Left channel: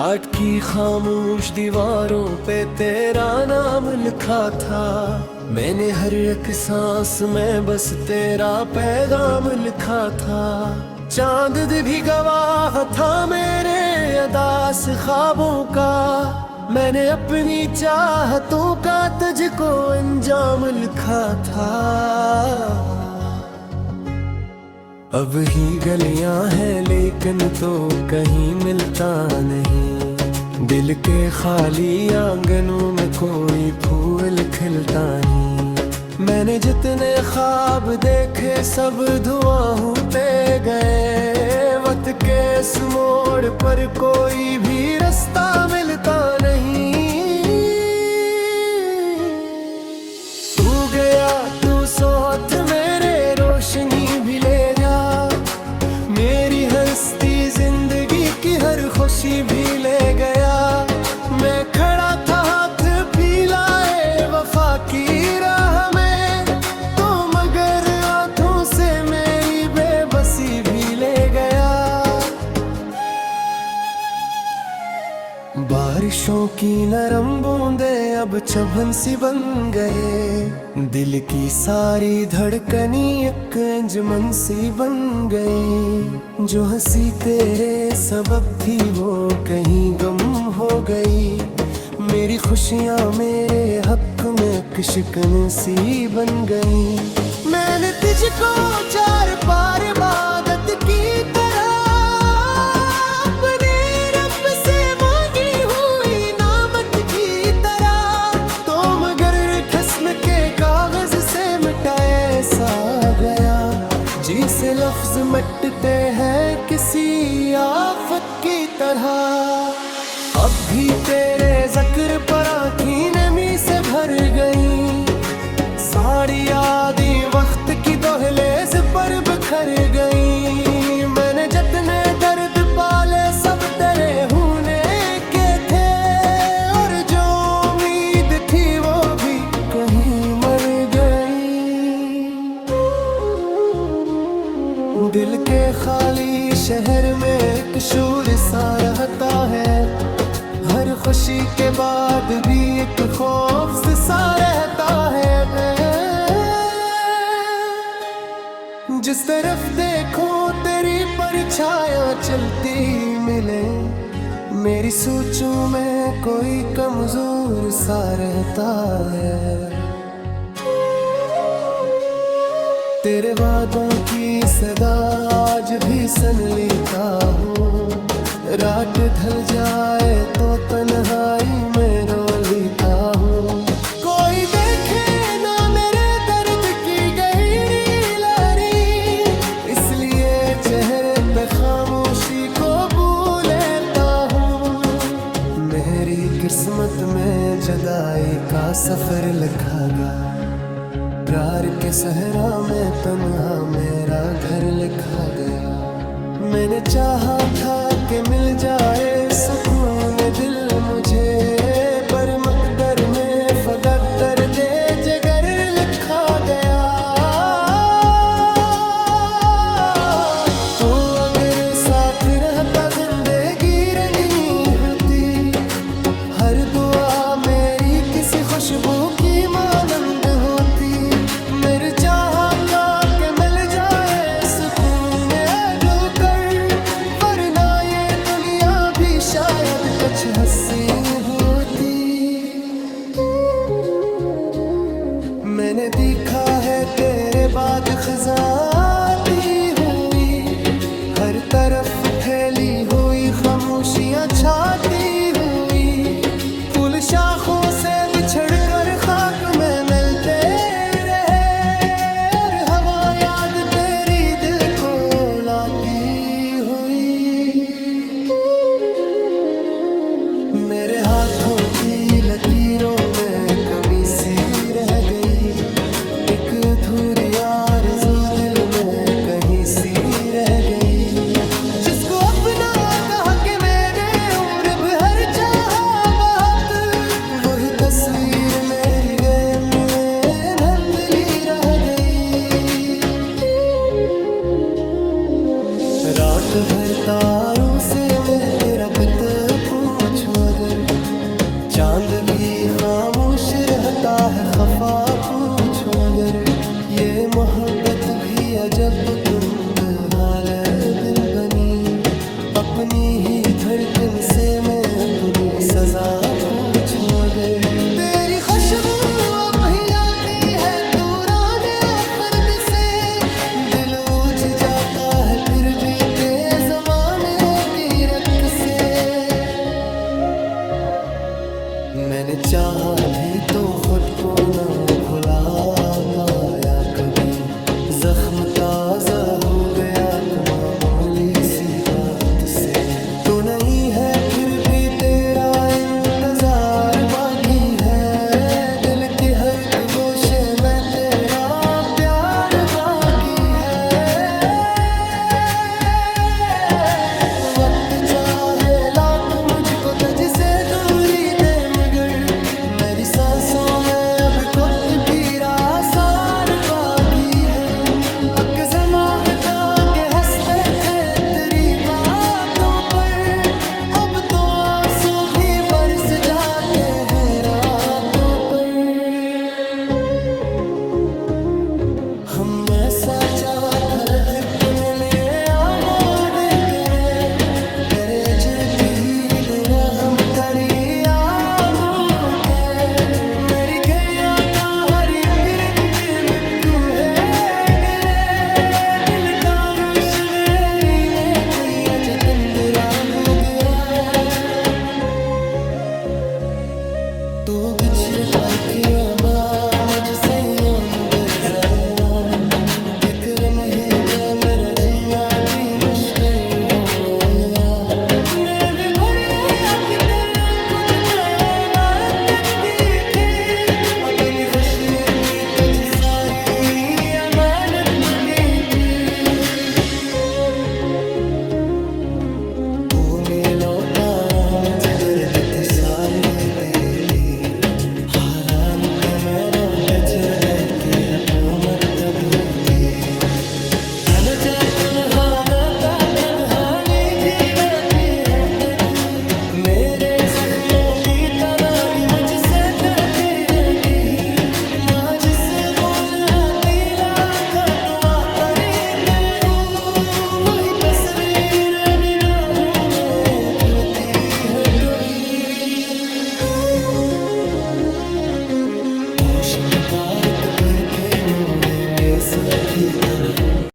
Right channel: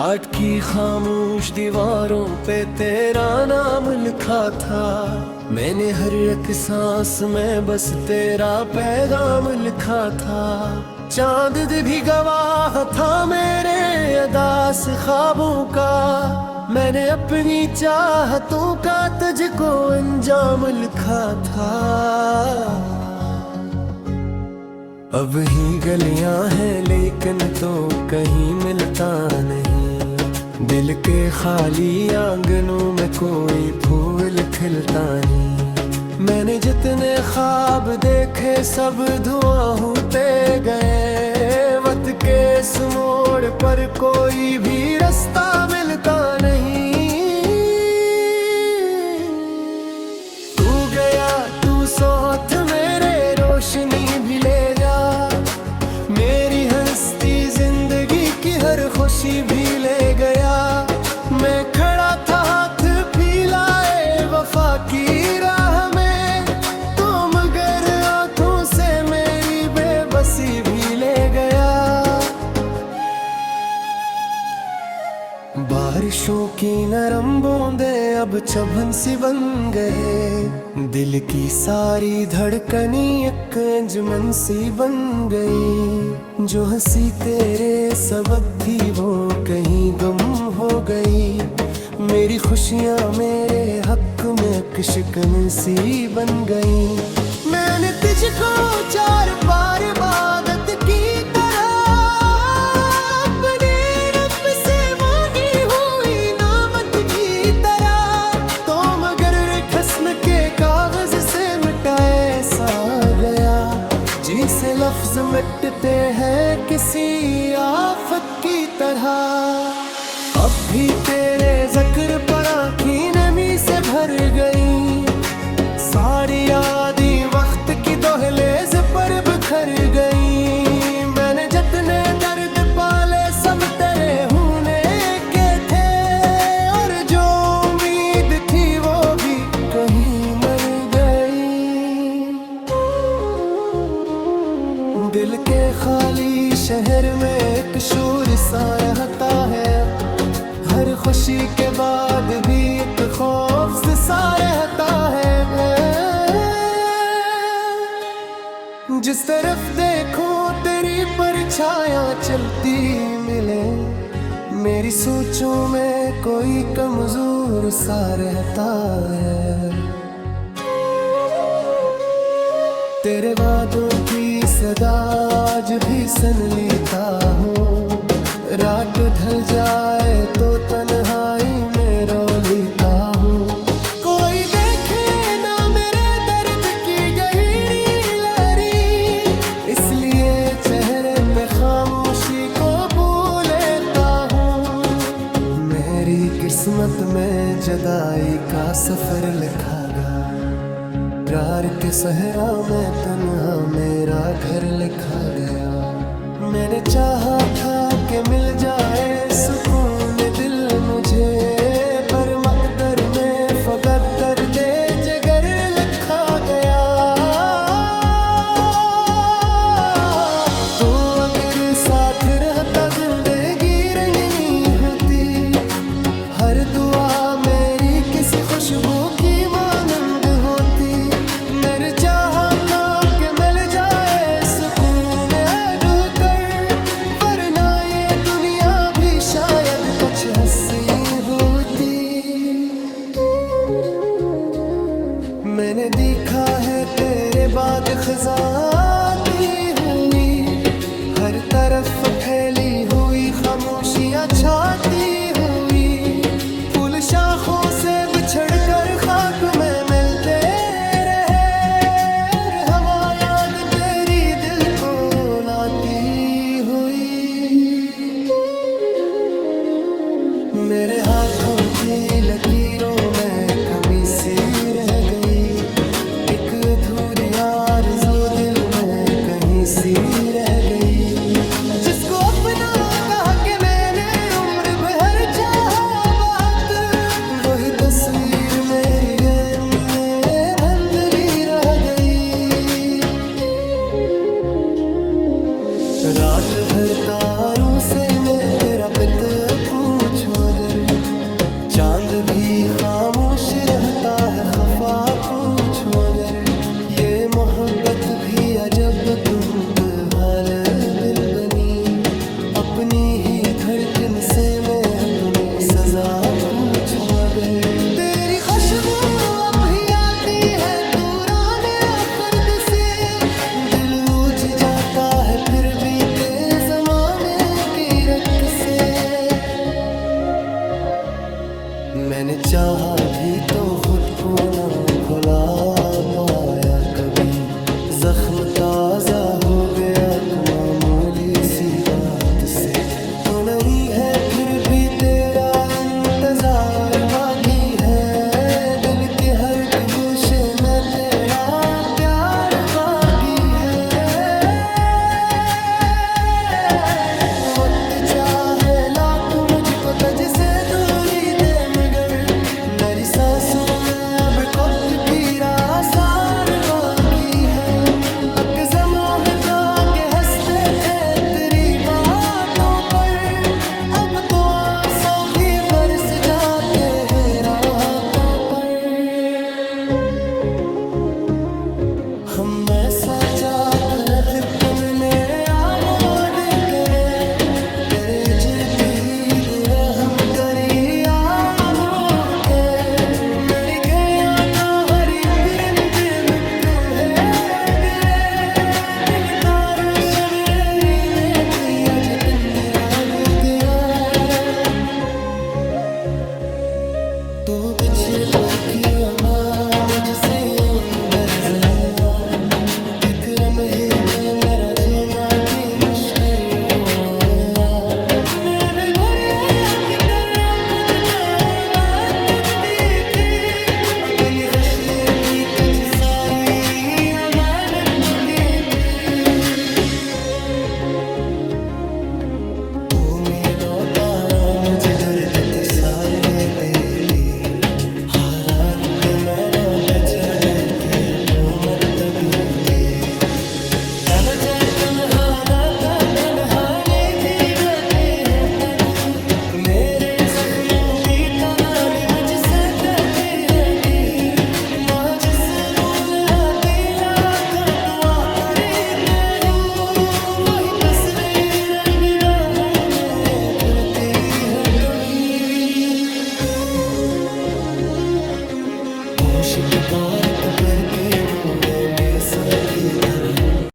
Art की खामोश दीवारों पे तेरा नाम लिखा था। मैंने हर एक सांस में बस तेरा पैगाम लिखा था। चांद भी गवाह था मेरे अदास ख्वाबों का। मैंने अपनी चाहतों का तुझको अंजाम लिखा था। अब ही गलियां हैं लेकिन तो कहीं मिलता नहीं। दिल के खाली आंगनों में कोई फूल खिलता नहीं। मैंने जितने ख्वाब देखे सब धुआं होते गए। वक्त के इस मोड़ पर कोई भी रास्ता मिलता नहीं। तू गया तू सोच मेरे रोशनी भी ले जा। मेरी हस्ती जिंदगी की हर खुशी भी ले गया। मैं खड़ा था हाथ फैलाए वफा की राह में, तो मगर आंखों से मेरी बेबसी भी ले गया। बारिशों की नरम बूंदें अब चुभन सी बन गए। दिल की सारी धड़कनी एक अंजुमन सी बन गई। जो हंसी तेरे सबब थी वो कहीं गम हो गई। मेरी खुशियां मेरे हक में एक शिकन सी बन गई। मैंने तुझको चार बार इबादत की तरह अपने रब से मांगी हुई नामत की तरह, तो मगर ठस्न के कागज से मिटाए सा गया। जी से लफ्ज मिटते हैं किसी आफत की तरह। अब भी तेरे जिक्र पर आँखी नमी से भर गई। सारी यादें वक्त की दोहलेज पर बिखर गई। मैंने जितने दर्द पाले सब तेरे होने के थे, और जो उम्मीद थी वो भी कहीं मर गई। दिल के खाली शहर में एक शोर सा रहता है। हर खुशी के बाद भी एक खौफ सा रहता है। जिस तरफ देखो तेरी परछायां चलती मिले। मेरी सोचों में कोई कमजोर सा रहता है। तेरे वादों की सदा आज भी सुन लेता हूँ। रात ढल जाए तो तन्हाई में रो लेता हूँ। कोई देखे ना मेरे दर्द की गहरी लहरी, इसलिए चेहरे पे खामोशी को भूल लेता हूँ। मेरी किस्मत में जुदाई का सफर लिखा गया। प्यार के सहरा में तन्हा मेरा घर लिखा गया। मैंने चाहा था कि मिल जाए सुकून दिल मुझे, पर मकदर में फकत दर्द जिगर लिखा गया। तो अगर साथ रहता जिंदगी रंगीन होती। हर दुआ मेरी किसी खुशबू की मानंद होती। मेरे चाहा था कि मिल जाए सुकून कर, वरना ये दुनिया भी शायद कुछ हंसी होती। मैंने देखा है तेरे बाद खिजाती हुई। हर तरफ फैली हुई खामोशियां छाती हुई। फूल शाखों से बिछड़ कर खाक में मिलते रहे, और हवा याद तेरी दिल को लाती हुई। मेरे हाथों की लकीरों में कमी सी रह गई। एक अधूरी आरज़ू दिल में कहीं सी रह गई। जिसको अपना कहा के मैंने उम्र भर चाहा बात, वही तस्वीर मेरी धुंधली रह गई। रात भर तारों से मैं तेरा पित पूछूं अगर, चांद भी खामोश रहता है खफा पूछूं अगर, ये मोहब्बत भी अजब हाल दिल बनी, अपनी ही धड़कन से मैं अपनी सजा पूछूं अगर, तेरी खुशबू अब भी आती है तूराने फर्द से, दिल उज जाता है फिर भी तेज ज़माने की रत से। मैंने चाहा भी तो खुद को ना भुला पाया कभी, जख्म ताजा हो गया मामूली सी बात से, तो नहीं है फिर भी तेरा इंतजार बाकी है, दिल के हर गोशे में तेरा प्यार बाकी है। वक्त चाहे लाख मुझको तुझ से दूरी दे मगर, मेरी सांसों में अब कोई भी आसार बागी है, अक जमावता के हंसते थे तेरी बातों पर, अब तो आंसू भी बरस जाते हैं रातों पर। हम ऐसा चाहता लिप्टन में आबाद करे, तेरे जिरते ही दिल हम करी यादों के, मेरी गया का हरी परिंदे में तू है गिरे, दिल तारों से मेरी ने दी अज तंदरा बुगरा, तू बिछड़ पर किया मां मुझसे यूं बेजाया, विक्रम ही पे मेरा जीना की मुश्किल हो गया, मैंने भरिया कि तेरा कुछ तो बात देखती थी, अपनी खुशियाँ दी तुझ सारी अमानत दी थी, तूने लौटाया मुझे दर्द थे साल देती, हारान के मेरा तजगल की हुकूमत तबू की, न जा तन्हाना ता तन्हानी भी रहती है तभी, मेरे जख्मों की तनानी मुझसे कहती रहती ही, माँ जिससे बोल आती लाखा तो आता रहते हूँ, वही तस्वीर निगाहों में फिरती है कभी, होश के बारित पर के मुँह में सुन की तरह